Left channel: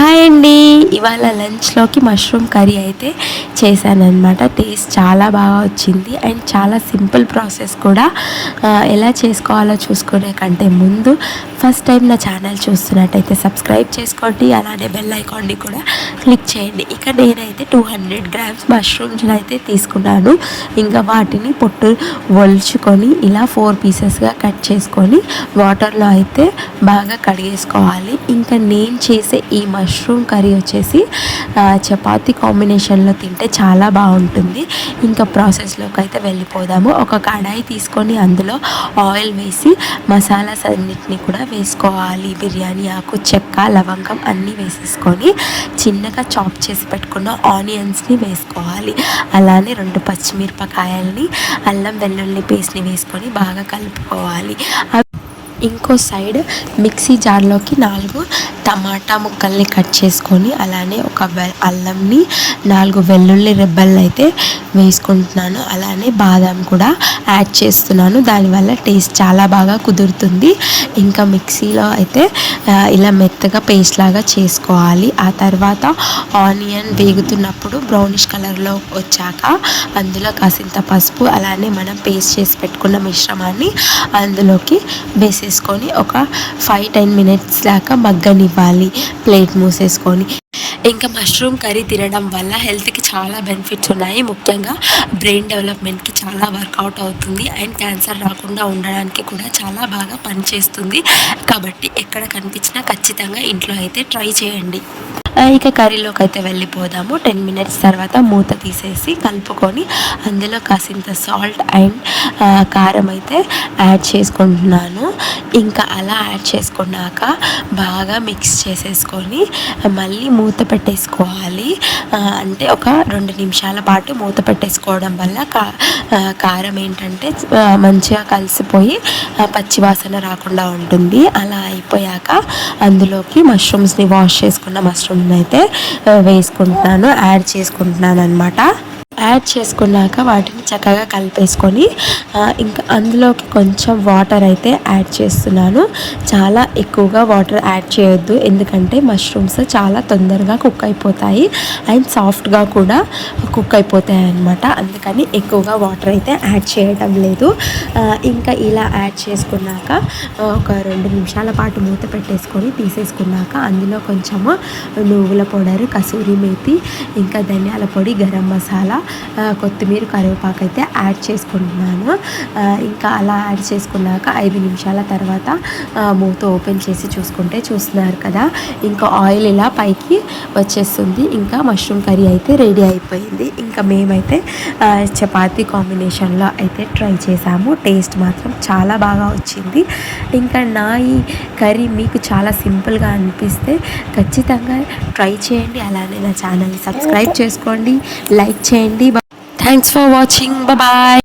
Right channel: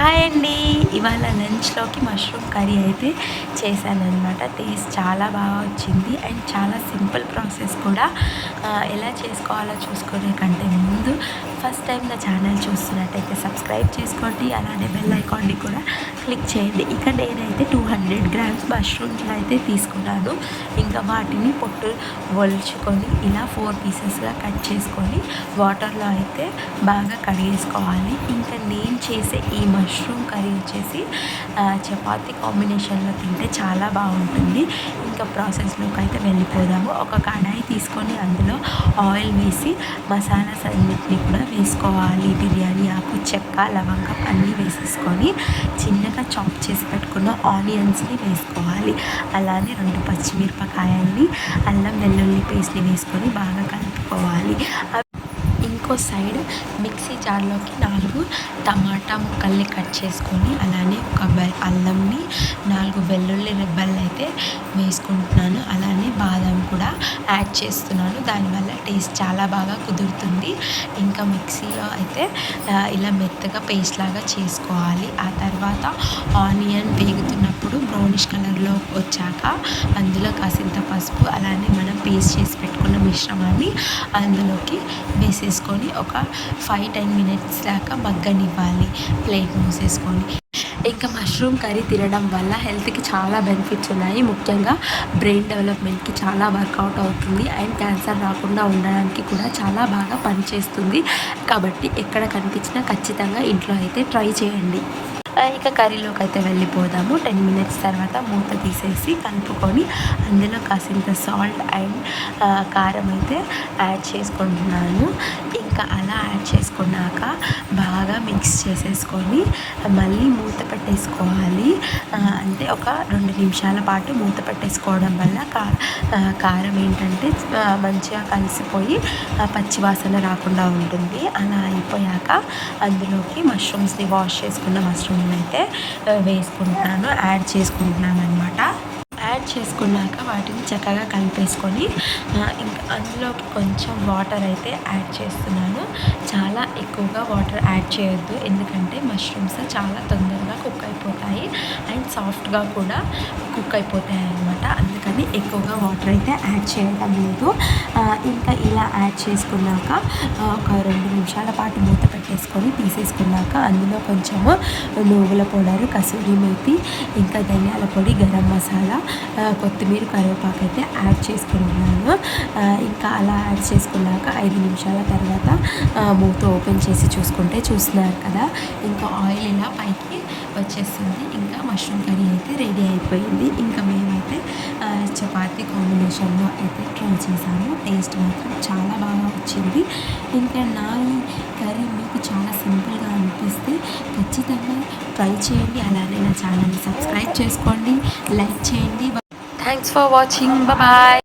Hi అండి. ఇవాళ లంచ్లోకి mushroom curry అయితే చేశానన్నమాట. టేస్ట్ చాలా బాగా వచ్చింది అండ్ చాలా సింపుల్ ప్రాసెస్ కూడా. ఎలా చేసుకోవాలో చూసుకునే కంటే ముందు ఫస్ట్ టైం నా ఛానల్ చూస్తున్నట్టయితే సబ్స్క్రైబ్ చేసుకోండి, అలానే బెల్ ఐకాన్ని కూడా క్లిక్ చేయండి. ఇక నేనైతే 200 గ్రామ్స్ మష్రూమ్స్ని అయితే తీసుకున్నాను. ఇంకా వాటిని పొట్టు ఒలుచుకొని ఇలా 4 పీసెస్గా కట్ చేసుకొని వాటర్లో అయితే బాగా కడిగేసుకోవాలి. ఇంకా నేను చేసే ఈ మష్రూమ్ కర్రీ వచ్చేసి చపాతీ కాంబినేషన్లో తింటే చాలా బాగుంటుంది. ఇంకా ప్రాసెస్లోకి అయితే వెళ్ళిపోదాము. ఒక కడాయి తీసుకొని అందులో ఆయిల్ వేసి మసాలాస్ అన్నిటిని కూడా వేసుకోవాలి. బిర్యానీ ఆకు, చెక్క, లవంగం అన్నీ వేసేసుకొని చిన్నగా చాప్ చేసి పెట్టుకున్న ఆనియన్స్ని వేసుకోవాలి. అలానే 2 పచ్చిమిరపకాయల్ని, అల్లం వెల్లుల్లి పేస్ట్ని వేసుకొని బాగా కలుపుకోవాలి. ఇంకో సైడ్ మిక్సీ జార్లోకి 4 టమాటా ముక్కల్ని కట్ చేసుకొని అలానే ఒక అల్లంని 4 వెల్లుల్లి రెబ్బల్ని అయితే వేసుకుంటున్నాను. అలానే బాదం కూడా యాడ్ చేస్తున్నాను. దానివల్ల టేస్ట్ చాలా బాగా కుదురుతుంది. ఇంకా మిక్సీలో అయితే ఇలా మెత్తగా పేస్ట్ లాగా చేసుకోవాలి. ఆ తర్వాత ఆనియన్ వేగుతున్నప్పుడు బ్రౌనిష్ కలర్లో వచ్చాక అందులో కాసింత పసుపు, అలానే మనం పేస్ట్ చేసి పెట్టుకున్న మిశ్రమాన్ని అందులోకి వేసేసుకొని ఒక 5-10 మినిట్స్ దాకా మగ్గనివ్వాలి ప్లేట్ మూసేసుకొని. ఇంకా మష్రూమ్ కర్రీ తినడం వల్ల హెల్త్కి చాలా బెనిఫిట్స్ ఉన్నాయి. ముఖ్యంగా బ్రెయిన్ డెవలప్మెంట్కి చాలా వర్కౌట్ అవుతుంది అండ్ క్యాన్సర్ రాకుండా ఉండడానికి కూడా చాలా బాగా పనిచేస్తుంది. కాబట్టి ఎక్కడ కనిపించినా ఖచ్చితంగా ఇంట్లో అయితే ట్రై చేయండి. ఇక కర్రీలోకి అయితే వెళ్ళిపోదాము. 10 మినిట్స్ తర్వాత మూత తీసేసి కలుపుకొని అందులో కాసింత సాల్ట్ అండ్ కారం అయితే యాడ్ చేసుకుంటున్నాను. ఇంకా అలా యాడ్ చేసుకున్నాక బాగా మిక్స్ చేసేసుకొని మళ్ళీ మూత పెట్టేసుకోవాలి. అంటే ఒక 2 నిమిషాల పాటు మూత పెట్టేసుకోవడం వల్ల కారం ఏంటంటే మంచిగా కలిసిపోయి పచ్చివాసన రాకుండా ఉంటుంది. అలా అయిపోయాక అందులోకి మష్రూమ్స్ని వాష్ చేసుకున్న మష్రూమ్ని అయితే వేసుకుంటున్నాను, యాడ్ చేసుకుంటున్నాను అనమాట. యాడ్ చేసుకున్నాక వాటిని చక్కగా కలిపేసుకొని ఇంకా అందులోకి కొంచెం వాటర్ అయితే యాడ్ చేస్తున్నాను. చాలా ఎక్కువగా వాటర్ యాడ్ చేయొద్దు, ఎందుకంటే మష్రూమ్స్ చాలా తొందరగా కుక్ అయిపోతాయి అండ్ సాఫ్ట్గా కూడా కుక్ అయిపోతాయి అన్నమాట. అందుకని ఎక్కువగా వాటర్ అయితే యాడ్ చేయడం లేదు. ఇంకా ఇలా యాడ్ చేసుకున్నాక ఒక 2 నిమిషాల పాటు మూత పెట్టేసుకొని తీసేసుకున్నాక అందులో కొంచెము నువ్వుల పౌడర్, కసూరి మేతి, ఇంకా ధనియాల పొడి, గరం మసాలా, కొత్తిమీర, కరివేపాకు అయితే యాడ్ చేసుకుంటున్నాను. ఇంకా అలా యాడ్ చేసుకున్నాక 5 నిమిషాల తర్వాత మూత ఓపెన్ చేసి చూస్తున్నారు కదా, ఇంకా ఆయిల్ ఇలా పైకి వచ్చేస్తుంది. ఇంకా మష్రూమ్ కర్రీ అయితే రెడీ అయిపోయింది. ఇంకా మేమైతే చపాతీ కాంబినేషన్లో అయితే ట్రై చేసాము. టేస్ట్ మాత్రం చాలా బాగా వచ్చింది. ఇంకా నా ఈ కర్రీ మీకు చాలా సింపుల్గా అనిపిస్తే ఖచ్చితంగా ట్రై చేయండి. అలానే నా ఛానల్ని సబ్స్క్రైబ్ చేసుకోండి, లైక్ చేయండి. Thanks for watching. Bye bye.